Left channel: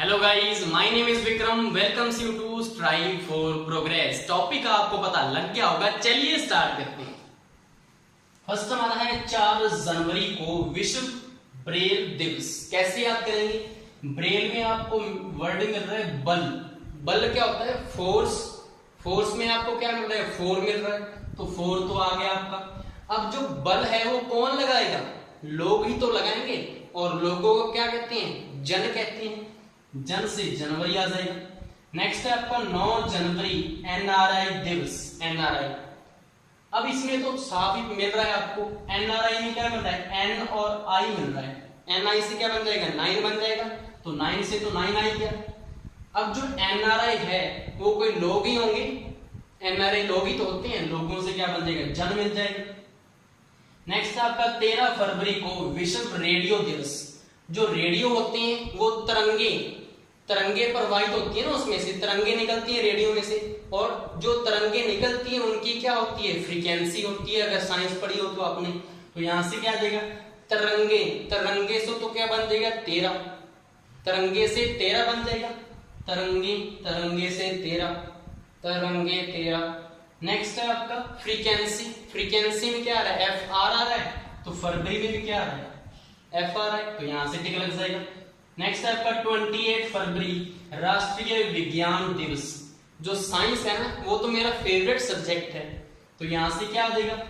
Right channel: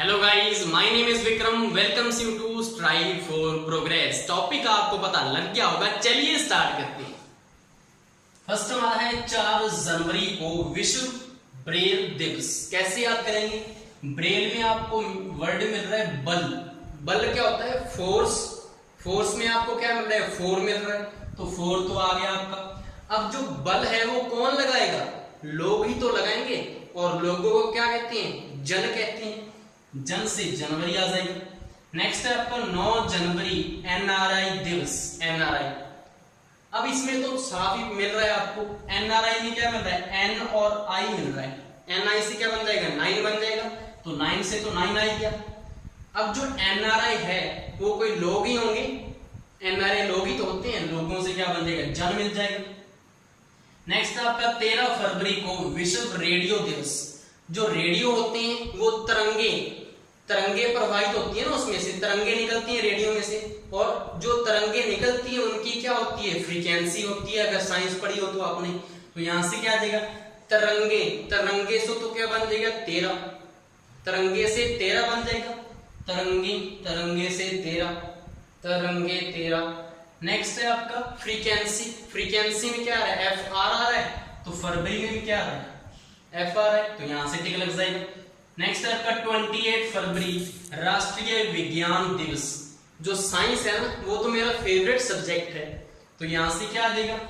Hello guys, my name is Vikram. Welcomes you to strive for progress. Topic आपको पता लग गया होगा, चलिए स्टार्ट करते हैं। फर्स्ट हमारा है 4 जनवरी को विश्व ब्रेल दिवस। कैसे याद करेंगे? ब्रेल में आपको वर्ड मिल रहा है बल। बल क्या होता है? फोर्स। फोर्स में आपको क्या मिल रहा है? 4 मिल रहा है, तो 4 तो आ गया आपका। अब जो बल है वो कौन लगाएगा? लोग ही तो लगाएंगे, और लोगों को क्या कहते हैं? जन कहते हैं। जन से जनवरी आ जाएगी। नेक्स्ट है आपका 9 जनवरी एनआरआई दिवस। एनआरआई, अब इसमें तो साफ ही मिल रहा है आपको। एनआरआई में क्या मिल रहा है? एन और आई मिल रहा है। एनआई से क्या बन जाएगा? 9 बन जाएगा, तो 9 से तो 9 आई गया। अब जो एनआरआई है वो कोई लोग ही होंगे। एनआरआई लोग ही तो होते हैं, लोगों से क्या बन जाएगा? जन मिल जाएगा। नेक्स्ट है आपका 13 फरवरी को विश्व रेडियो दिवस। जो रेडियो होते हैं वो तरंगे प्रवाहित होती है ना, उसमें से तरंगे निकलती हैं रेडियो में से, और जो तरंगे निकलती हैं उनकी क्या होती है? फ्रीक्वेंसी होती है। अगर साइंस पढ़ी हो तो आपने, तो यहां से क्या आ जाएगा? तरंगे। तरंगे से तो क्या बन जाएगा? 13। तरंगे से 13 बन जाएगा। तरंगे से 13, तरंगे 13। नेक्स्ट है आपका फ्रीक्वेंसी। फ्रीक्वेंसी में क्या आ रहा है? एफ आर आ रहा है, तो फरवरी में भी क्या आ रहा है? एफ आर है, तो यहां से टिक लग जाएगा। नेक्स्ट है आपका 28 फरवरी राष्ट्रीय विज्ञान दिवस। जो साइंस है ना, वो तो मेरा फेवरेट सब्जेक्ट है, तो यहां से क्या आ जाएगा?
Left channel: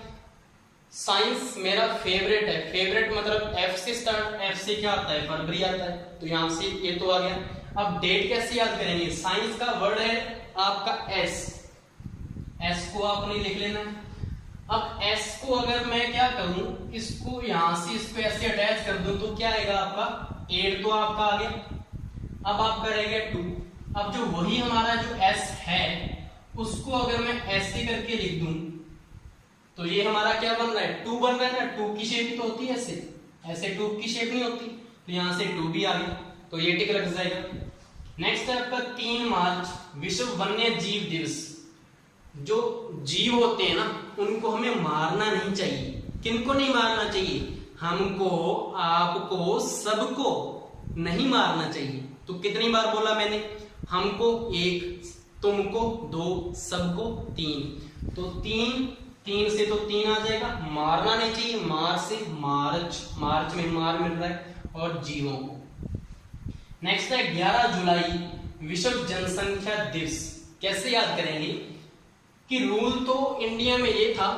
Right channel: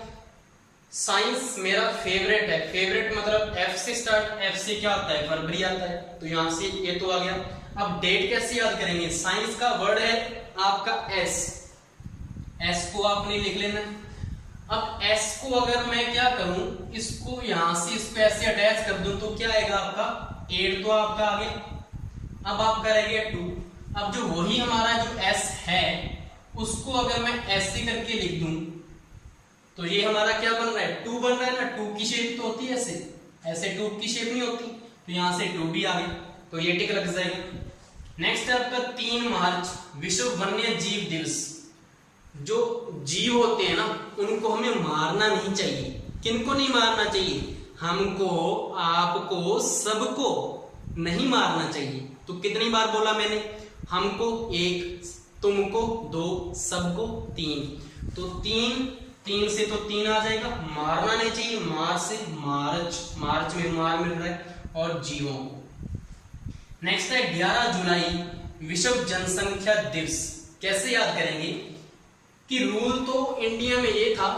साइंस मेरा फेवरेट है। फेवरेट मतलब एफ से स्टार्ट। एफ से क्या आता है? फरवरी आता है, तो यहां से ये तो आ गया। अब डेट कैसे याद करेंगे? साइंस का वर्ड है आपका एस। एस को आपने लिख लेना। अब एस को अगर मैं क्या करूं, इसको यहां से इसको ऐसे अटैच कर दूं, तो क्या आएगा आपका? 8 तो आपका आ गया। अब आपका रह गया 2। अब जो वही हमारा जो एस है उसको अगर मैं ऐसे करके लिख दूं, तो ये हमारा क्या बन रहा है? 2 बन रहा है ना। 2 की शेप तो होती है ऐसे, ऐसे 2 की शेप नहीं होती, तो यहां से 2 भी आ गया, तो ये टिक लग जाएगा। नेक्स्ट है आपका 3 मार्च विश्व वन्य जीव दिवस। जो जीव होते हैं ना, उनको हमें मारना नहीं चाहिए। किनको नहीं मारना चाहिए? हमको, आपको, सबको नहीं मारना चाहिए। तो कितनी बार बोला मैंने? हमको 1, तुमको 2, सबको 3। तो 3 से तो 3 आ जाएगा। मारना नहीं चाहिए, मार से मार्च। मार्च में मार मिल रहा है, और जीवों को। नेक्स्ट है 11 जुलाई विश्व जनसंख्या दिवस। कैसे याद करेंगे? कि रूल तो इंडिया में ये था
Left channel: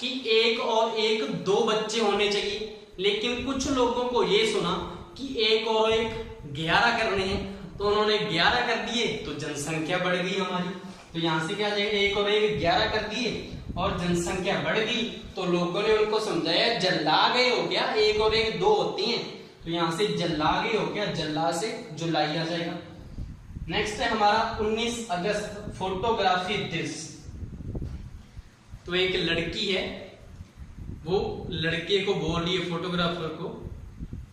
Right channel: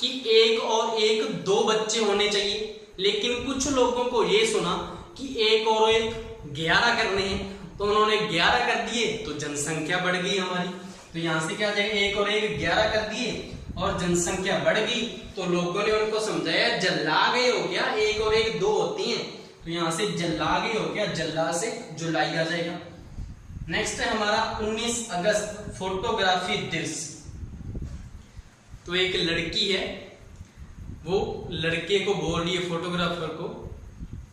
कि 1 और 1 2 बच्चे होने चाहिए, लेकिन कुछ लोगों को ये सुना कि 1 और 1 11 करने हैं, तो उन्होंने 11 कर दिए, तो जनसंख्या बढ़ गई हमारी। तो यहां से क्या जाएगा? 1 और 1 11 कर दिए और जनसंख्या बढ़ गई, तो लोगों ने उनको समझाया जल्ला गए हो क्या? 1 और 1 2 होती हैं, तो यहां से जल्ला गए हो क्या? जल्ला से जुलाई आ जाएगा। नेक्स्ट है हमारा 19 अगस्त फोटोग्राफी दिवस। तो एक लड़की है, वो लड़के को बोल रही है, फोटोग्राफर को,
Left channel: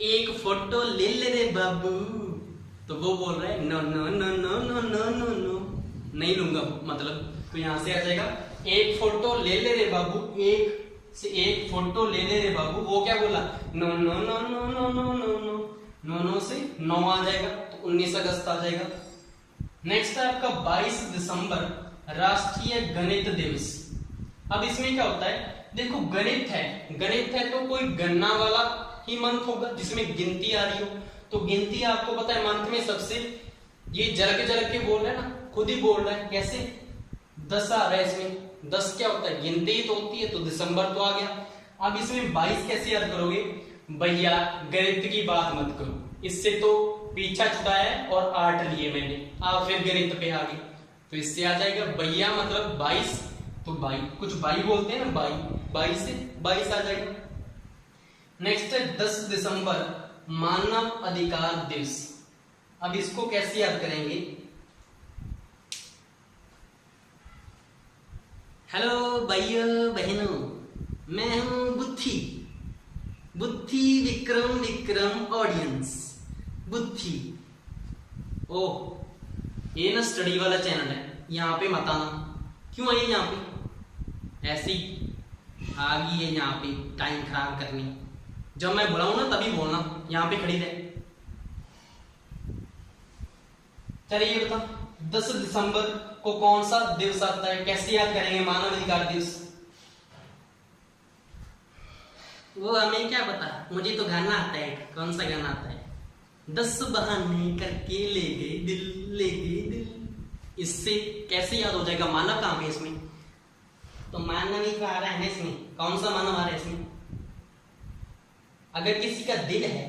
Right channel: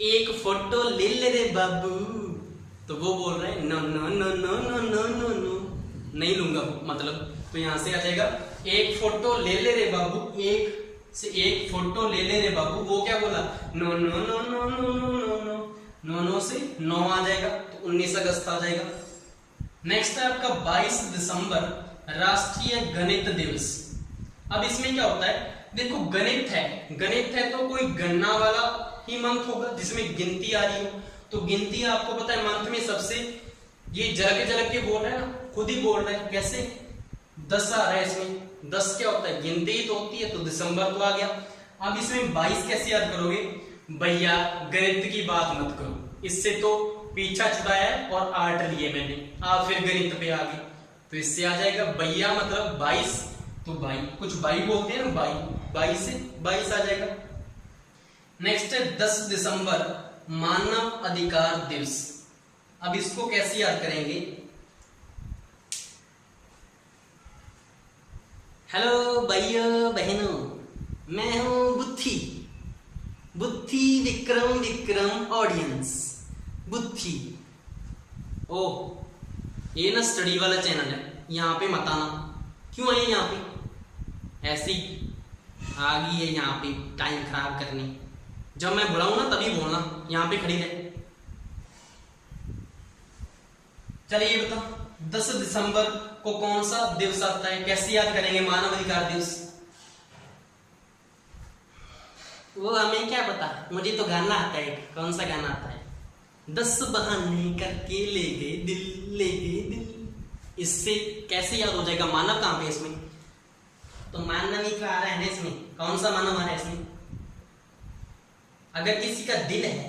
एक फोटो ले ले रे बाबू। तो वो बोल रहे हैं no no no no no no no no, नहीं लूंगा मतलब। तो यहां से आ जाएगा एक फोटो ले ले रे बाबू। एक से एक फोटो ले ले रे बाबू, वो क्या बोला? No no no no no no no no no no से 9 आ जाएगा, तो 19 अगस्त आ जाएगा। नेक्स्ट है आपका 22 दिसंबर राष्ट्रीय गणित दिवस। अब इसमें क्या होता है? देखो, गणित है तो कोई गणना वाला ही मंथ होगा जिसमें गिनती आ रही हो। तो गिनती आपको पता है मंथ में सबसे, ये जरक के बोल रहा है ना, खुद ही बोल रहा है। कैसे? 10 आ रहा है इसमें। 10 क्या होता है? गिनती ही तो होती है, तो दिसंबर तो आ गया। अब इसमें 22 कैसे याद करोगे? भैया गणित की बात मत करो, इससे तो पीछा छुड़ाया है और 8 लिए मैंने, आप फिर गणित पे आ गए। तो इससे आ जाएगा भैया मतलब 22, तो भाई कुछ भाई बोलते हैं ना, 22 से 22 आ जाएगा। नेक्स्ट है 10 दिसंबर मानव अधिकार दिवस। अब इसको कैसे याद करेंगे? हेलो भाइयों बहनों, मैं हूं बुद्धि विक्रम ऑडियंस बुद्धि। ओह, ये ना स्टडी वाला चैनल है, यहाँ पे मत आना। क्यों आई यहाँ पे? ऐसी आ गई है यहाँ पे टाइम खराब करनी। जब मैं बुलाऊं ना तभी बोलना, यहाँ पे खड़ी रहे। चलिए बता, 10 दिसंबर को कौन सा दिवस आता है, कैसे याद करेंगे मानव अधिकार दिवस? वो हमें क्या पता, मुझे तो गाना आता है। कौन सा गाना आता है? 10 बहाने करके ले गए दिल, ले गए दिल। इससे कैसे याद हो जाएगा? मानव कहाँ पे इसमें? तो मानव ही तो आ रहा है ना इसमें। कौन सा मानव आ रहा है इसमें? अगर किसी का दिल है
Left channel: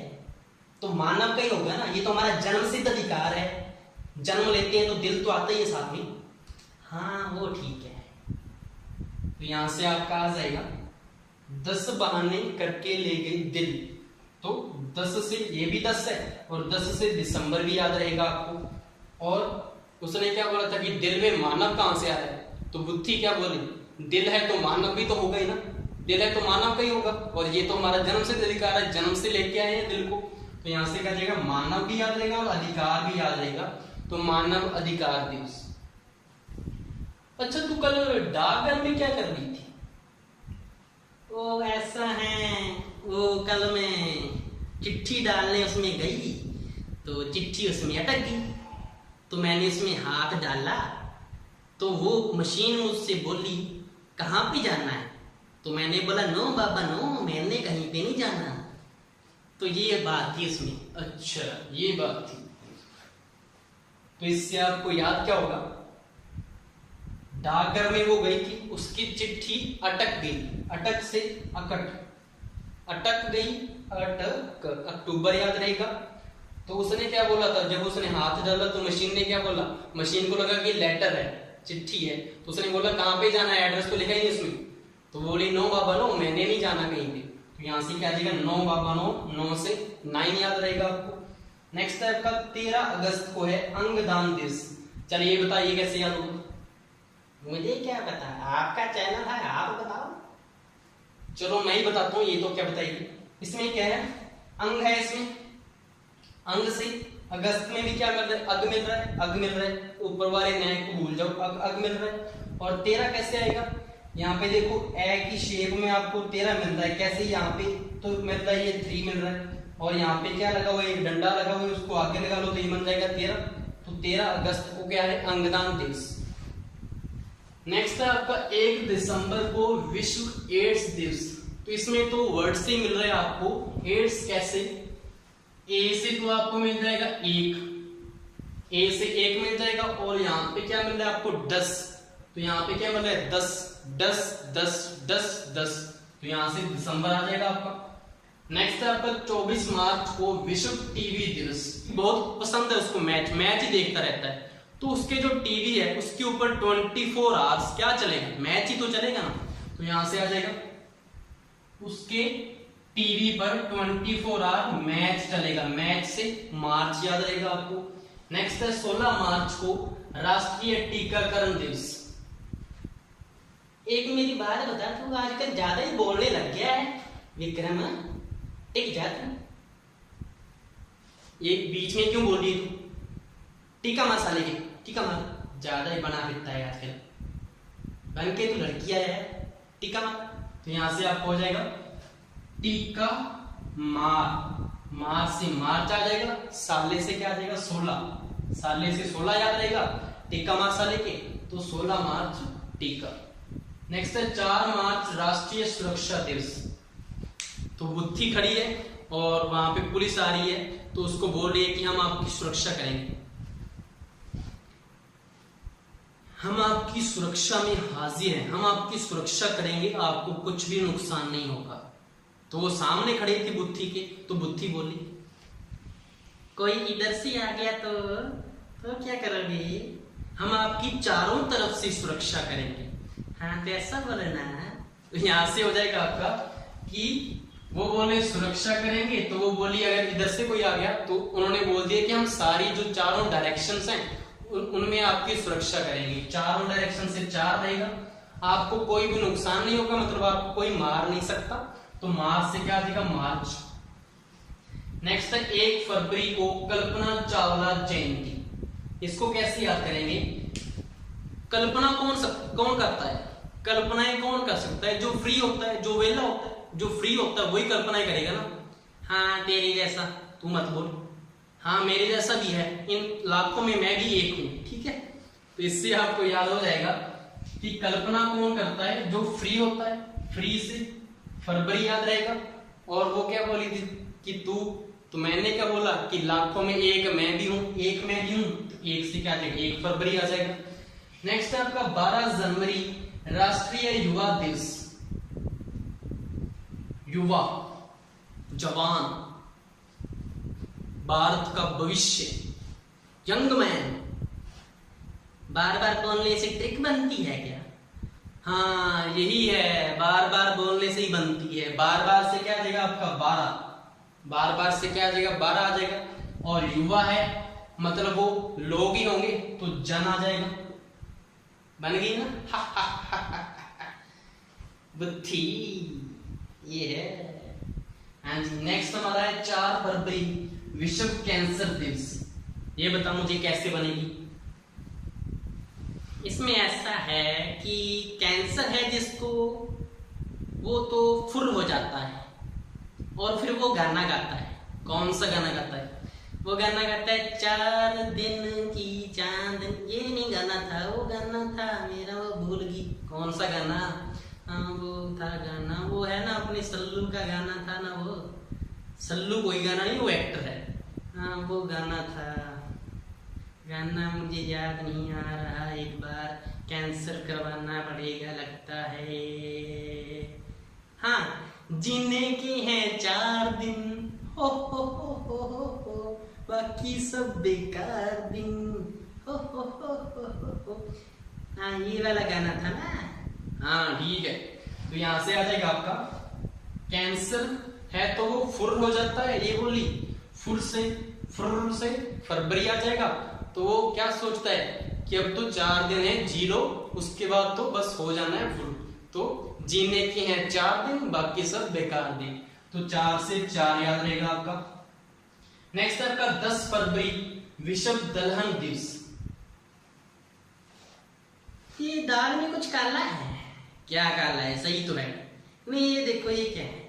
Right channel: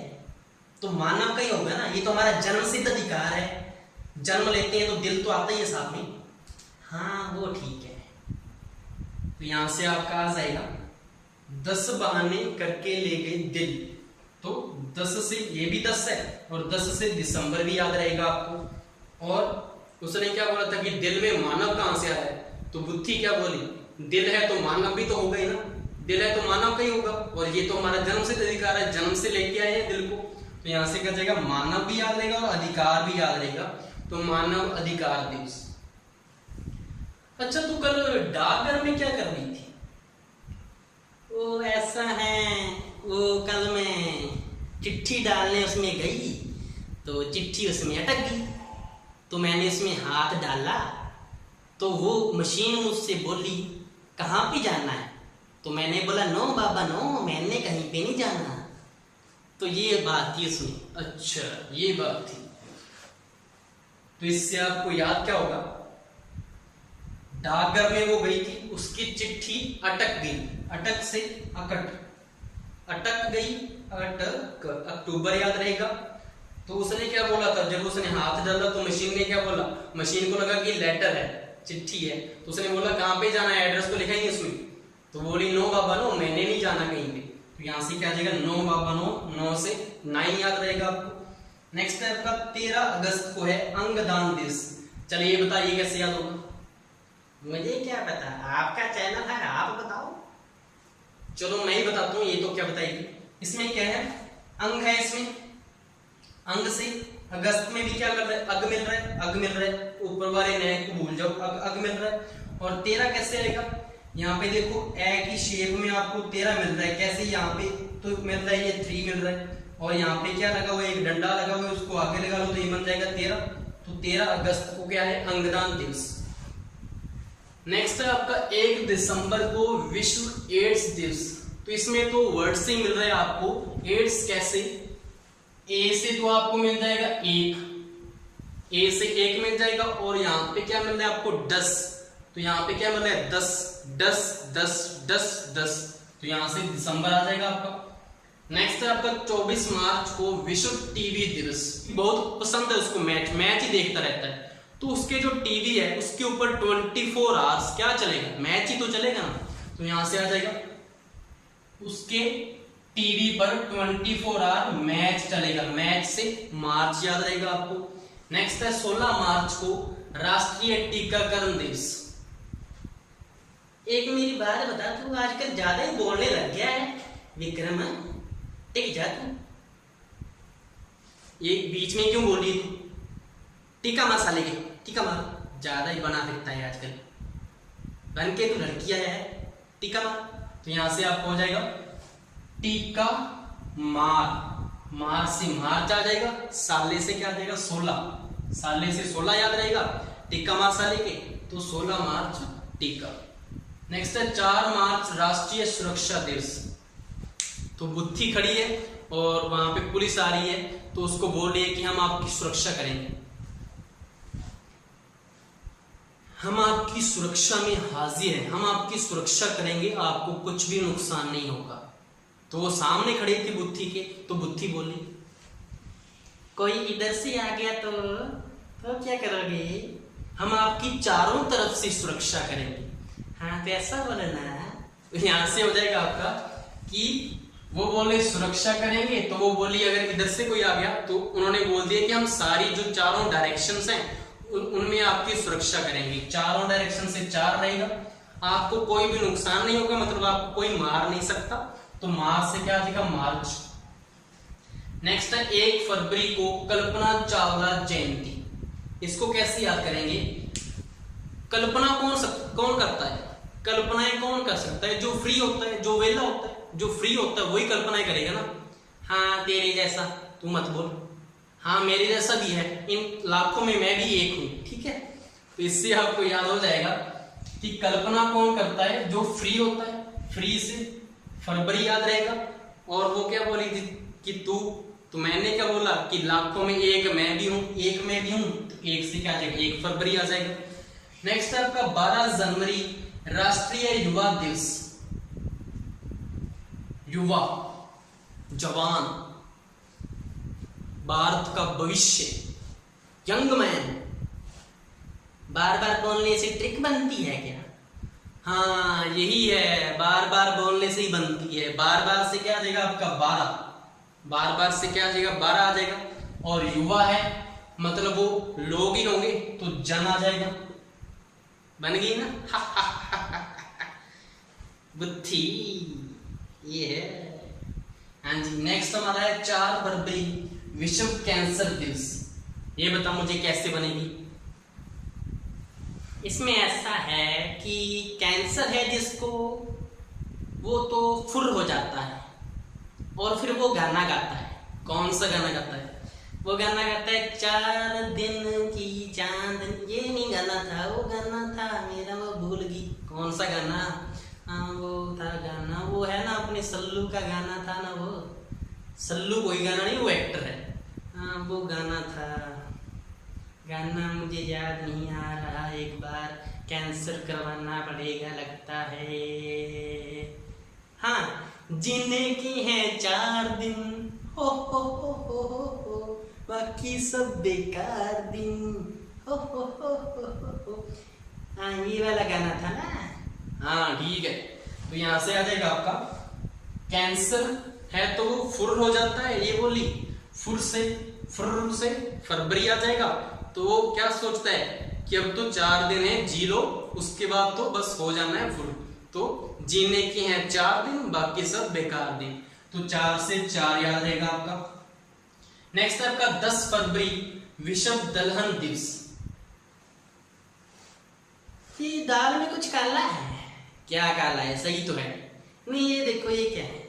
तो मानव का ही होगा ना। ये तो हमारा जन्म सिद्ध अधिकार है, जन्म लेते हैं तो दिल तो आता ही है साथ में। हाँ वो ठीक है। तो यहां से आपका आ जाएगा 10 बहाने करके ले गए दिल। तो 10 से ये भी 10 है और 10 से दिसंबर भी याद रहेगा आपको। और उसने क्या बोला था कि दिल में मानव कहां से आ रहा है? तो बुद्धि क्या बोली, दिल है तो मानव भी तो होगा ही ना। दिल है तो मानव का ही होगा और ये तो हमारा जन्म से अधिकार है, जन्म से लेके आए हैं दिल को। तो यहां से क्या जाएगा, मानव भी याद रहेगा और अधिकार भी याद रहेगा। तो मानव अधिकार दिवस। अच्छा तू कल डाकघर में क्या कर रही थी? वो ऐसा है, वो कल मैं चिट्ठी डालने उसमें गई तो चिट्ठी उसमें अटक गई। तो मैंने उसमें हाथ डाला तो वो मशीन मुझसे बोली कहाँ पे जाना है? तो मैंने बोला नो बाबा नो, मैंने कहीं पे नहीं जाना। तो ये बात थी उसमें। अच्छा ये बात थी। तो इससे आपको याद क्या होगा, डाकघर में वो गई थी, उसकी चिट्ठी अटक गई। अटक से अकट, अटक गई, अटक, अक्टूबर याद रहेगा। तो उसने क्या बोला था, जब उसने हाथ डाला तो मशीन ने क्या बोला, मशीन को लगा कि लेटर है, चिट्ठी है। तो उसने बोला कहाँ पे जाना है, एड्रेस तो लिखा ही नहीं उसमें। तो बोली नो बाबा नो, मैंने नहीं जाना कहीं पे। तो यहाँ से क्या आ जाएगा, नो बाबा नो, 9 से 9 याद रहेगा आपको। नेक्स्ट है आपका 13 अगस्त को है अंगदान दिवस। चलिए बताइए कैसे याद होगा? मुझे क्या पता, आपका चैनल है, आप बताओ। चलो मैं ही बताता हूँ, ये तो क्या बताइए। इसमें क्या है, अंग है इसमें, अंग से अगस्त में भी क्या मिल रहा है, अग मिल रहा है, अग मिल रहा है। ऊपर वाले नए को भूल जाओ, अग मिल रहा है। और 13 कैसे आएगा, यहाँ पे देखो ए की शेप में आपको 13 मिल रहा है। कैसे, यहाँ पे तो मिल रहा है ये 3 मिल रहा है और यहाँ पे क्या लगा हुआ है, एक डंडा लगा हुआ है, उसको आगे लगा लो तो ये बन जाएगा 13। तो 13 अगस्त को क्या है, अंगदान दिवस। नेक्स्ट है आपका 1 दिसंबर को विश्व एड्स दिवस। तो इसमें तो वर्ड से ही मिल रहा है आपको। एड्स कैसे, ए से तो आपको मिल जाएगा 1, ए से 1 मिल जाएगा और यहाँ पे क्या मिल रहा है आपको 10। तो यहाँ पे क्या मिल रहा है 10, 10, 10, 10, 10। तो यहाँ से दिसंबर आ जाएगा आपका। नेक्स्ट है आपका 24 मार्च को विश्व टीवी दिवस। बहुत पसंद है उसको, मैच ही देखता रहता है। तो उसके जो टीवी है उसके ऊपर 24 आवर्स क्या चलेगा, मैच ही तो चलेगा ना। तो यहां से आ जाएगा उसके टीवी पर 24 आवर मैच चलेगा। मैच से मार्च याद रहेगा आपको। नेक्स्ट है 16 मार्च को राष्ट्रीय टीकाकरण दिवस। एक मेरी बात बता, तू आजकल ज्यादा ही बोलने लग गया है विक्रम। टिक जा तू, ये बीच में क्यों बोल रही है तू? टीका मार साले की, टीका मार। ज्यादा ही बना फिरता है आजकल, बन के तू लड़की आया है, टीका मार। तो यहां से आपको हो जाएगा टीका मार। मार से मार्च आ जाएगा, साले से क्या आ जाएगा 16, साले से 16 याद रहेगा। टीका मार साले के, तो 16 मार्च टीका। नेक्स्ट है 4 मार्च राष्ट्रीय सुरक्षा दिवस। तो बुद्धि खड़ी है और वहां पे पुलिस आ रही है तो उसको बोल रही है कि हम आपकी सुरक्षा करेंगे, हम आपकी सुरक्षा में हाजिर हैं, हम आपकी सुरक्षा करेंगे, आपको कुछ भी नुकसान नहीं होगा। तो वो सामने खड़ी थी बुद्धि के, तो बुद्धि बोली कोई इधर से आ गया तो क्या करोगे? हम आपकी चारों तरफ से सुरक्षा करेंगे। हाँ तो ऐसा बोलना। तो यहां से हो जाएगा आपका कि वो बोले सुरक्षा करेंगे, तो वो बोली अगर इधर से कोई आ गया तो उन्होंने बोल दिया कि हम सारी जो चारों डायरेक्शंस हैं उनमें आपकी सुरक्षा करेंगे। चारों डायरेक्शन से 4 रहेगा, आपको कोई भी नुकसान नहीं होगा, मतलब आपको कोई मार नहीं सकता। तो मार्च से क्या देगा, मार्च। नेक्स्ट है 1 फरवरी को कल्पना चावला जयंती। इसको कैसे याद करेंगे? कल्पना कौन करता है? कल्पनाएं कौन कर सकता है? जो फ्री होता है, जो वेला होता है, जो फ्री होता है वही कल्पनाएं करेगा ना। हाँ तेरी जैसा तू मत बोल, हाँ मेरे जैसा भी है, इन लाखों में मैं भी एक हूं, ठीक है। तो इससे आपको याद हो जाएगा कि कल्पना कौन करता है, जो फ्री होता है, फ्री से फरवरी याद रहेगा। और वो क्या बोली थी कि तू, तो मैंने क्या बोला कि लाखों में एक मैं भी हूं, एक मैं भी हूं, तो एक से क्या आ जाएगा, 1 फरवरी आ जाएगा। नेक्स्ट है आपका 12 जनवरी राष्ट्रीय युवा दिवस। युवा, जवान, भारत का भविष्य, यंग मैन। बार बार बोलने से ट्रिक बनती है क्या? हाँ यही है, बार बार बोलने से ही बनती है। बार बार से क्या आ जाएगा आपका 12, बार बार से क्या आ जाएगा 12 आ जाएगा। और युवा है मतलब वो लोग ही होंगे, तो जन आ जाएगा, बन गई ना। बुद्धि ये है। हाँ जी, नेक्स्ट हमारा है 4 फरवरी विश्व कैंसर दिवस। ये बता मुझे कैसे बनेगी? इसमें ऐसा है कि कैंसर है जिसको, वो तो फुर हो जाता है और फिर वो गाना गाता है। कौन सा गाना गाता है? वो गाना गाता है 4 दिन की चांदनी। ये नहीं गाना था, वो गाना था मेरा, वो भूल गई कौन सा गाना। हाँ वो था गाना, वो है ना अपने सल्लू का गाना था ना, वो सल्लू कोई गाना नहीं, वो एक्टर है। हाँ वो गाना था, गाना मुझे याद नहीं आ रहा, एक बार कैंसर करवाना पड़ेगा लगता है। हाँ, जीने के हैं 4 दिन, हो, बाकी सब बेकार दिन, हो। हाँ ये वाला गाना था ना। हाँ ठीक है, तो यहां से आ जाएगा आपका कैंसर है तो वो फुर हो जाता है, ये बोली फुर से फरवरी आ जाएगा। तो वो क्या सोचता है कि अब तो 4 दिन है, जी लो, उसके बाद तो बस हो जाना है फुर। तो जीने के हैं 4 दिन, बाकी सब बेकार दिन। तो 4 से 4 याद रहेगा आपका। नेक्स्ट है आपका 10 फरवरी विश्व दलहन दिवस। ये दाल में कुछ काला है, क्या काला है? सही तो है नहीं, ये देखो ये क्या है,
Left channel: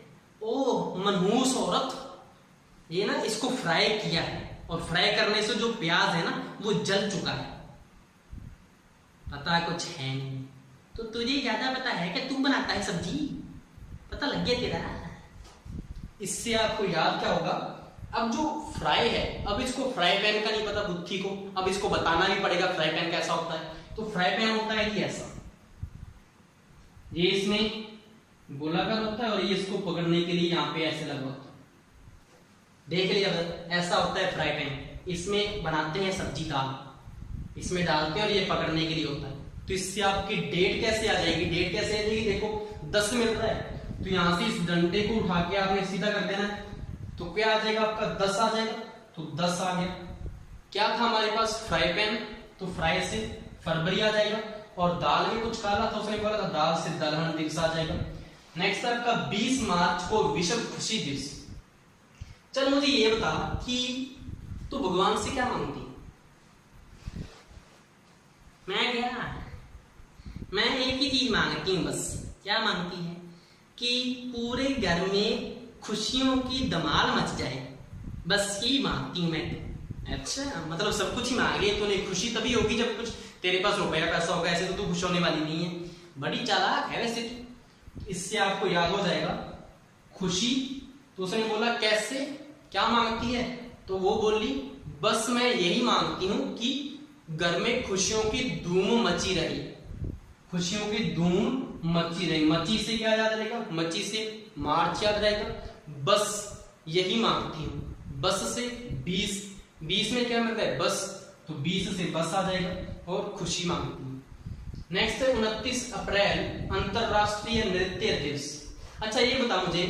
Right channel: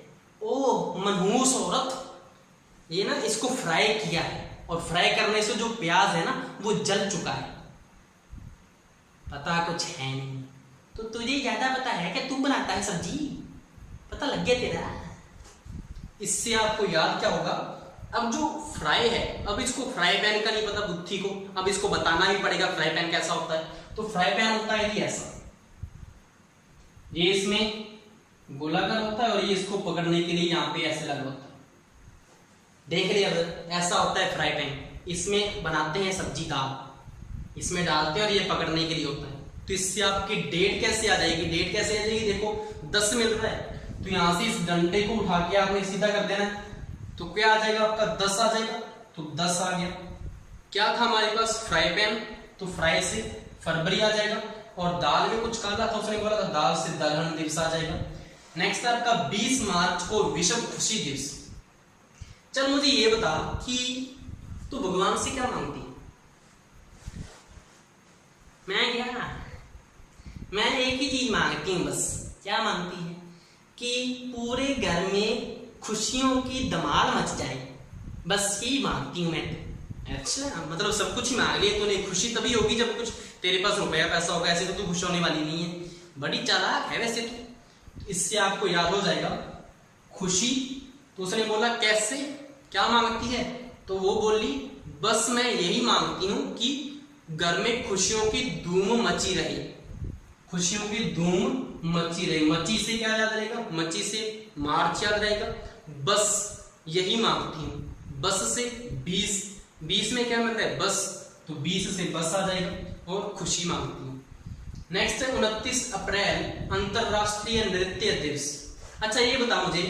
ओह मनहूस औरत। ये ना इसको फ्राई किया है, और फ्राई करने से जो प्याज है ना वो जल चुका है। पता कुछ है नहीं, तो तुझे ज्यादा पता है कि तू बनाता है सब्जी, पता लग गया तेरा। इससे आपको याद क्या होगा, अब जो फ्राई है, अब इसको फ्राई पैन का नहीं पता बुद्धि को, अब इसको बताना भी पड़ेगा फ्राई पैन कैसा होता है। तो फ्राई पैन होता है कि ऐसा, ये इसमें गोलाकार होता है और ये इसको पकड़ने के लिए यहाँ पे ऐसे लगा होता है। देख लिया, ऐसा होता है फ्राई पैन। इसमें बनाते हैं सब्जी, दाल इसमें डालते हैं और ये पकड़ने के लिए होता है। तो इससे आपकी डेट कैसे आ जाएगी? डेट कैसे आ जाएगी? देखो 10 मिल रहा है, तो यहां से इस डंडे को उठा के आपने सीधा कर देना, तो क्या आ जाएगा आपका 10 आ जाएगा। तो 10 आ गया। क्या था हमारे पास? फ्राई पैन, तो फ्राई से फरवरी आ जाएगा। और दाल में कुछ काला था, उसने बोला था दाल से दलहन दिवस आ जाएगा। नेक्स्ट है आपका 20 मार्च को विश्व खुशी दिवस। चल मुझे ये बता कि तू भगवान से क्या मांगती है? मैं एक ही चीज मांगती हूँ बस। क्या मांगती है? कि पूरे घर में खुशियों की धमाल मच जाए, बस यही मांगती हूँ मैं तो। अच्छा, मतलब सब कुछ ही मांग लिया तूने। खुशी तभी होगी जब कुछ तेरे पास रुपया पैसा होगा, ऐसे तो तू खुश होने वाली नहीं है। बड़ी चालाक है वैसे तू। इससे आपको याद हो जाएगा खुशी। तो उसने बोला कैसे, क्या मांगती है? तो वो बोली बस मैं यही मांगती हूं कि घर में खुशियों की धूम मची रहे, खुशियों की धूम मची रहे। मची से क्या याद रहेगा? मची से मार्च याद रहेगा। बस यही मांगती हूं। बस से 20 में क्या मिल रहा है? बस, तो 20 से बस आ जाएगा और खुशी मांगती हूँ। नेक्स्ट है 29 अप्रैल अंतरराष्ट्रीय नृत्य दिवस। अच्छा ये बता मुझे,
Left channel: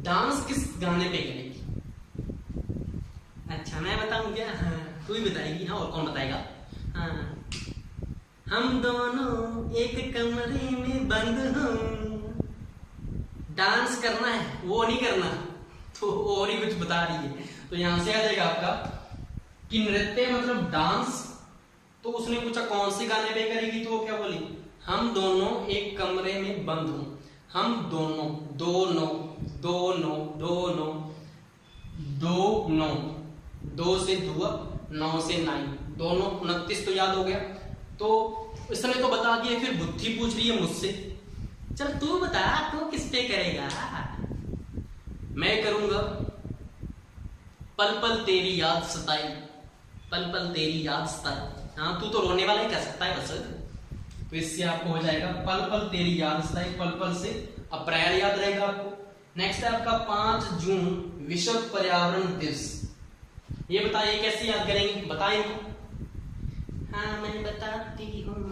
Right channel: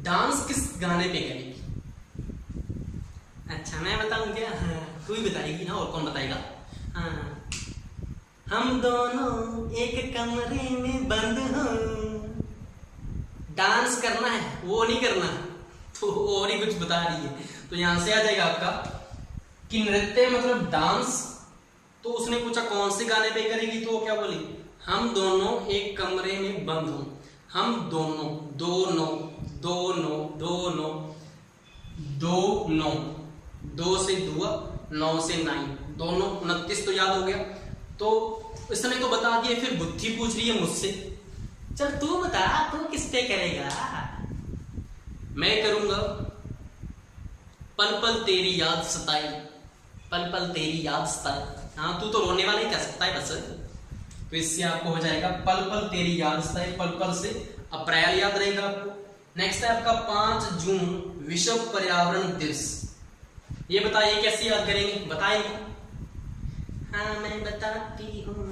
डांस किस गाने पे करेगी? अच्छा मैं बताऊं क्या? हाँ तू ही बताएगी ना, और कौन बताएगा? हाँ, हम दोनों एक कमरे में बंद हों। डांस करना है, वो नहीं करना, तो और ही कुछ बता रही है। तो यहां से आ जाएगा आपका कि नृत्य मतलब डांस। तो उसने पूछा कौन से गाने पे करेगी, तो वो क्या बोली? हम दोनों एक कमरे में बंद हों। हम दोनों, दोनों, दोनों, दोनों, दोनों, 2 से 2, 9 से 9, दोनों 29 तो याद हो गया। तो इसने तो बता दिया, फिर बुद्धि पूछ रही है मुझसे, चल तू बता, तू किस पे करेगा? मैं करूंगा पल पल तेरी याद सताई, पल पल तेरी याद सताई। हाँ, तू तो रोने वाला ही कह सकता है बस। तो इससे आपको हो जाएगा पल पल तेरी याद सताई, पल पल से अप्रैल याद रहेगा आपको। नेक्स्ट है आपका 5 जून विश्व पर्यावरण दिवस। ये बताइए कैसे याद करेंगे, बताएं। हाँ मैं बताती हूँ,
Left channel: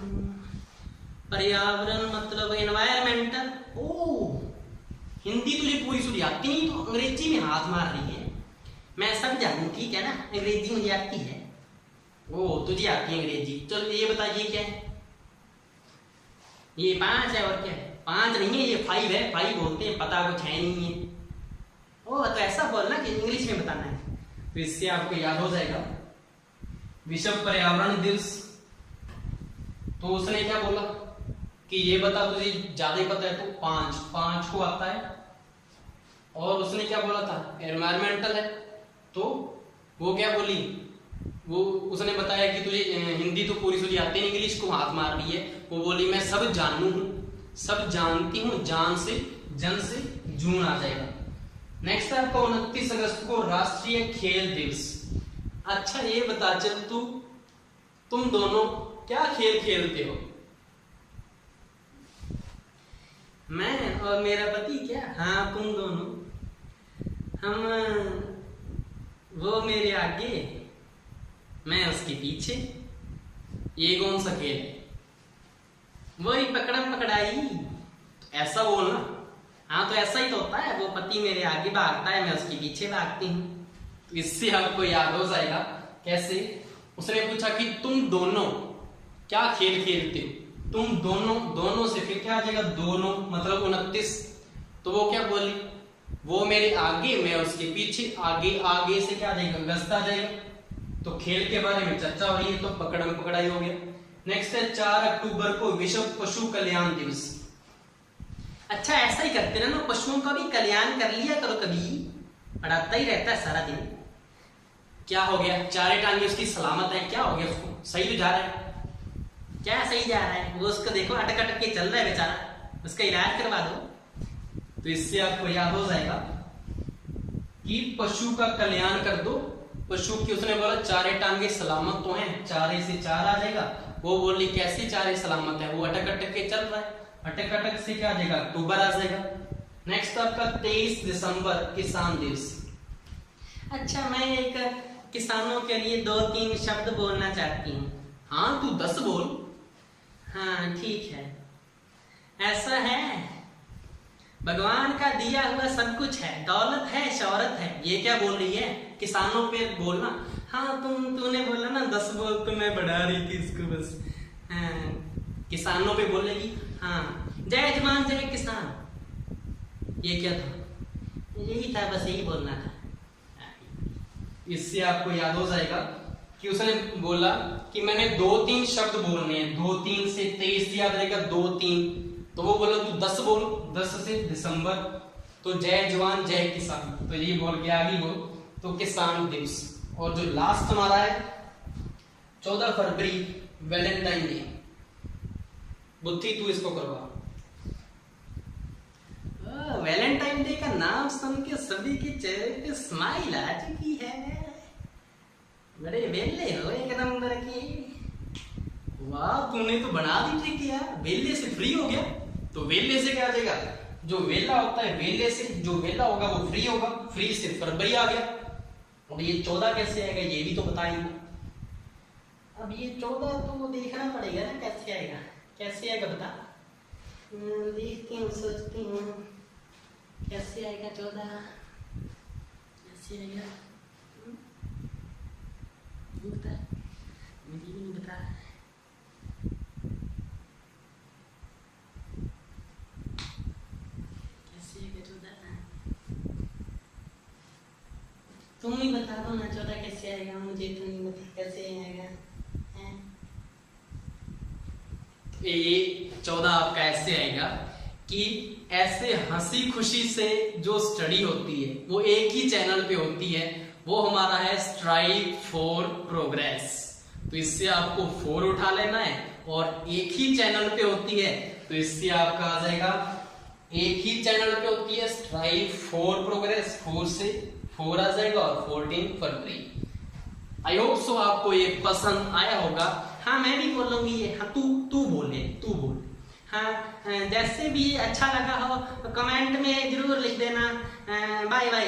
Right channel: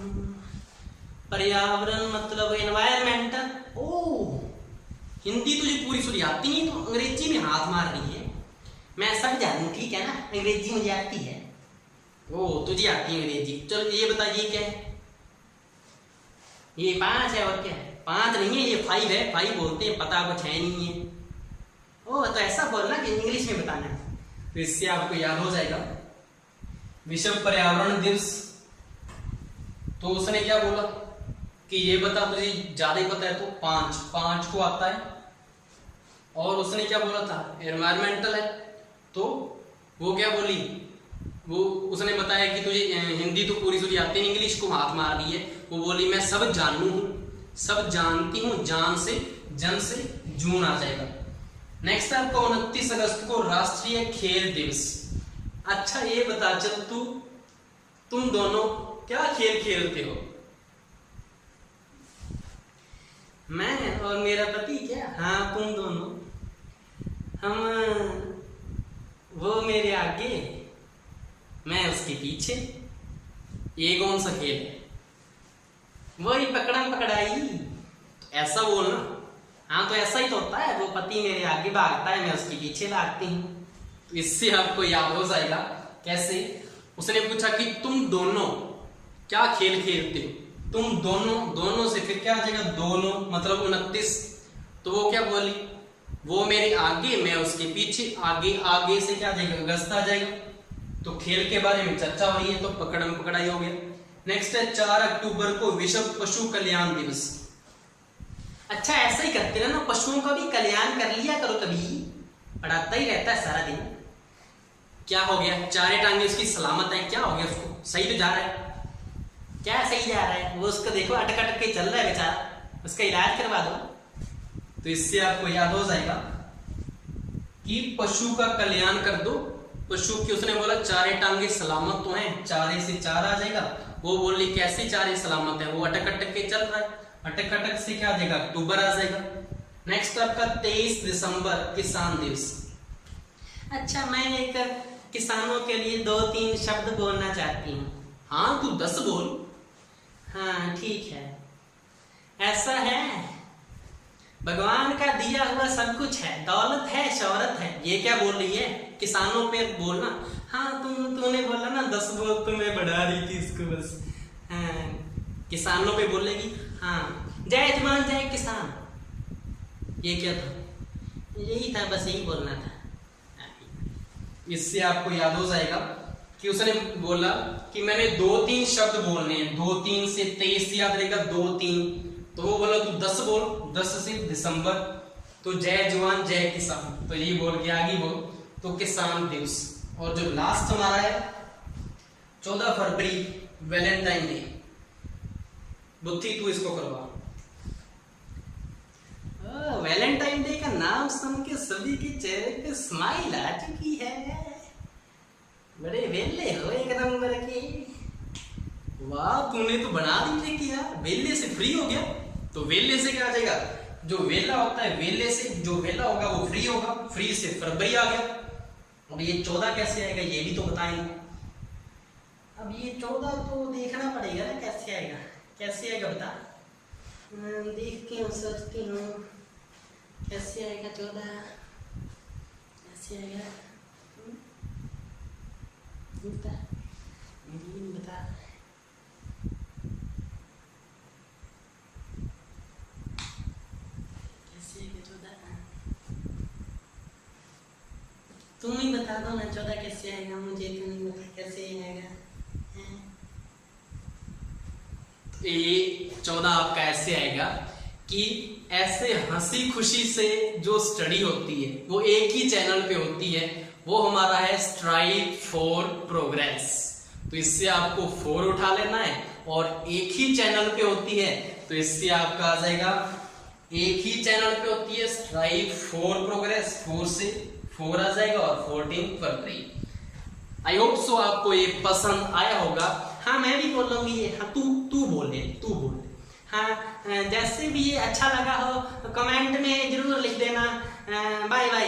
पर्यावरण मतलब एनवायरमेंटल। ओ, हिंदी तुझे पूरी सुनी आती नहीं, तो अंग्रेजी में हाथ मार रही है। मैं सब जानू, ठीक है ना, अंग्रेजी मुझे आती है। ओ, तुझे आती है अंग्रेजी। चलो ये बताइए क्या है? ये 5 है, और क्या है? 5 नहीं है, ये 5 है। 5 बोलते हैं, पता कुछ है नहीं है। ओ, तो ऐसा बोलना कि इंग्लिश में बताना है। तो इससे आपको याद हो जाएगा विश्व पर्यावरण दिवस। तो उसने क्या बोला कि ये बता, तुझे ज्यादा ही पता है तो 5 को आता है। और उसने क्या बोला था, एनवायरमेंटल है। तो वो क्या बोली, वो उसने बताया कि तुझे हिंदी तो पूरी सुनी आती है, इंग्लिश को हाथ मार रही है। वो बोली मैं सब जानू हूं, सब जानती हूँ, जान से जन से जून आ जाएगा। नेक्स्ट है आपका 29 अगस्त को राष्ट्रीय खेल दिवस। अच्छा ये बता चल, तुम दोनों क्या खेल खेलते हो? मैं और मेरा पति क्या? हाँ तुम दोनों। हम, वो मेरे आगे, मैं उसके पीछे। ये कौन सा खेल है? वही पकड़म पकड़ाई। ऐसा बोलना। हाँ तो ऐसा ही तो होता है, वो पति मेरे आगे भागता है, मैं उसके पीछे भागती हूँ। तो इससे आपको याद हो जाएगा कैसे। उसने पूछा कि तुम दोनों क्या खेल खेलते हो? तुम दोनों से फिर क्या आ जाएगा, दोनों मतलब 29। तो वो क्या बोली, वो मेरे आगे, मैं उसके पीछे। आगे से क्या आ जाएगा, अगस्त आ जाएगा। तो खेल के बारे में चर्चा हुई है, तो पकड़म पकड़ाई हो गया। नेक्स्ट है 4 अक्टूबर को विश्व पशु कल्याण दिवस। अच्छा ऐसा ही करते रहना, पशुओं का भी कल्याण कर लिया करो, कभी पढ़ाता ही रहता है सारा दिन। क्या हो गया, 4 टांगे उसकी सलामत है, क्या हो गया उसको? सही तो जा रहा है, क्या सही जा रहा है? वो उसको देखो अटक अटक के चल रहा है बेचारा, उसका इलाज करवा दो। तो इससे आपको याद हो जाएगा कि पशु का कल्याण कर दो। पशु की उसने बोला 4 टांगे सलामत तो हैं, 4 से 4 आ जाएगा। वो बोली कैसे 4 सलामत है? वो अटक अटक के चल रहा है, अटक अटक से क्या आ जाएगा, अक्टूबर आ जाएगा। नेक्स्ट आपका 23 दिसंबर किसान दिवस। अच्छा मैं एक किसानों के लिए 2-3 शब्द बोलना चाहती हूँ। हाँ तू 10 बोल। हाँ ठीक है। ऐसा है, भगवान का दिया हुआ सब कुछ है, दौलत है, शौहरत है। ये क्या बोल रही है, किसानों पे बोलना। हाँ तूने बोला ना 10 बोल, तो मैं बढ़ा रही थी इसको बस। हाँ किसानों पे बोलेगी। हाँ जय जवान जय किसान। ये क्या था? यही था, बस यही बोलना था। इससे आपको याद हो जाएगा कि उसने बोला कि मैंने 2-3 शब्द बोलने हैं। 2-3 से 23 याद रहेगा, 2-3। तो वो बोला तू 10 बोल, 10 से दिसंबर। तो जय जवान जय किसान, तो ये बोल के आगे बोल, तो किसान दिवस। और जो लास्ट हमारा है 14 फरवरी वैलेंटाइन डे। बुद्धि तू इसको करवा। वैलेंटाइन डे का नाम सुन के सभी के चेहरे पे स्माइल आ चुकी है। बड़े वेले हो एक नंबर के। वाह तूने तो बना दी थी कि यार वेले से फ्री हो गया। तो वेले से क्या आ जाएगा, जो वेला होता है वेले से, जो वेला होगा वो फ्री होगा, फ्री से फरवरी आ गया। अब ये 14 कैसे आएगा ये भी तो बताएंगे। अब ये 14 तो देखना पड़ेगा ना कैसे आएगा, कैसे आएगा बता। देखती हूँ, सोचती हूँ कैसे आएगा 14, कैसे आएगा बता, बता। कैसे आएगा 14? तुम ही बता दो ना 14 कैसे आएगा, मुझे तो नहीं बता कैसे आएगा। ये 14 आपका ऐसे आएगा कि ऐसे हंसी खुशी से जो स्टडी होती है वो एक ही चैनल पे होती है, वो हमारा है स्ट्राइव फॉर प्रोग्रेस। तो इससे आपको 4 उठा लेना है और एक ही चैनल पे होती है, तो इससे आपका आ जाएगा, एक ही चैनल पे होती है स्ट्राइव फॉर प्रोग्रेस, 4 से 4 आ जाएगा और 14 फरवरी। आई होप सो आपको ये पसंद आया होगा। हाँ मैं भी बोलूंगी ये, हाँ तू बोले। हाँ जैसे भी ये अच्छा लगा हो कमेंट में जरूर लिख देना। Bye bye.